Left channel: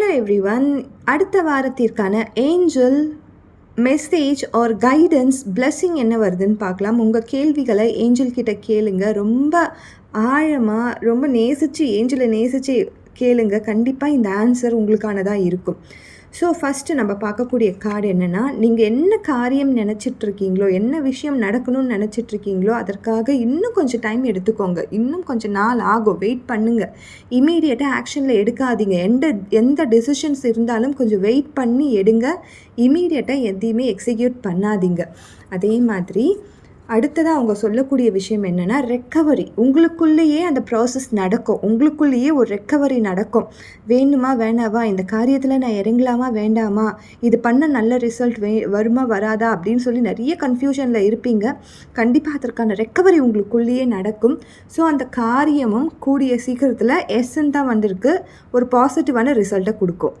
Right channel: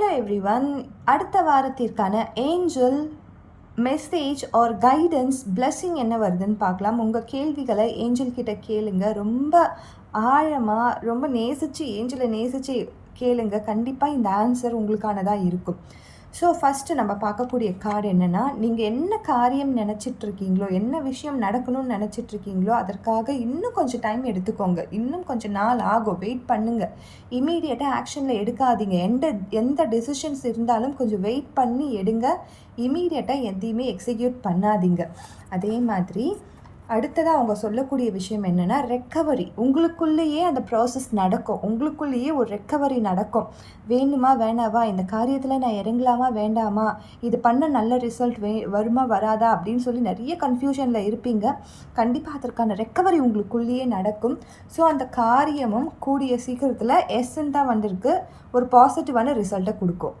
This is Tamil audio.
Hello everyone. அடுத்த வாரத்திற்கான angel message or guidance blessing என்ன வருதுன்னு பார்க்கலாம். உங்கள் கேள்விகளை ஏஞ்சல் கிட்ட கேளுங்க. ரொம்ப ஆழமாக, ரொம்ப நேசித்து ஏஞ்சலை நேசித்து கேளுங்க. கண்டிப்பாக இந்த ஆன்சர் உங்களுக்கானதாக இருக்கும். ஸோ ஃபஸ்ட்டு நம்ம பார்க்கக்கூடிய கார்டு என்னென்னா, நீங்கள் என்ன காரியம் நினச்சிட்ருக்கீங்களோ, என்ன விஷயம் நடக்கணும்னு நினச்சிட்ருக்கீங்களோ அதற்காக இன்னும் கொஞ்சம் டைம் எடுத்துக்கோங்க. இன்னும் கொஞ்சம் நாள் ஆகும், வெயிட் பண்ணுங்கள். இமீடியட்டாக ஆக்ஷனில் எடுக்காதீங்க. எந்த டெசிஷன்ஸ் இருந்தாலும் கொஞ்சம் வெயிட் பண்ணி எடுங்க. இமீடியட்டாக எதையுமே எக்ஸிக்யூட் பண்ணாதீங்க. அதே மாதிரி அடுத்ததாக அவங்க சொல்லக்கூடிய விஷயம் என்னென்னா, ரெக்கவரி. உங்களுக்குள்ளேயே அந்த ப்ராசஸ் நடக்கும். உங்களுக்குள்ளேயே ஒரு ரெக்கவரி நடக்கும். வேணுமா வேணாவா, இந்த காரியத்தில் நான் இறங்கலாமா வேண்டாமா, இது பண்ண நல்ல ரிசல்ட் வருமா வராதா அப்படின்னு சொல்லி நிறைய கன்ஃபியூஷனில் இருப்பீங்க. கண்டிப்பாக அதற்கான ரெக்கவரி உங்களுக்குள்ளேயே நடக்கும். ஸோ அந்த காரியமும் கூடிய சீக்கிரத்தில் எஸ்ன்னு தான் வந்திருக்கு, ஒரு பாசிட்டிவான ரிசல்ட்டை கொடுக்கும்.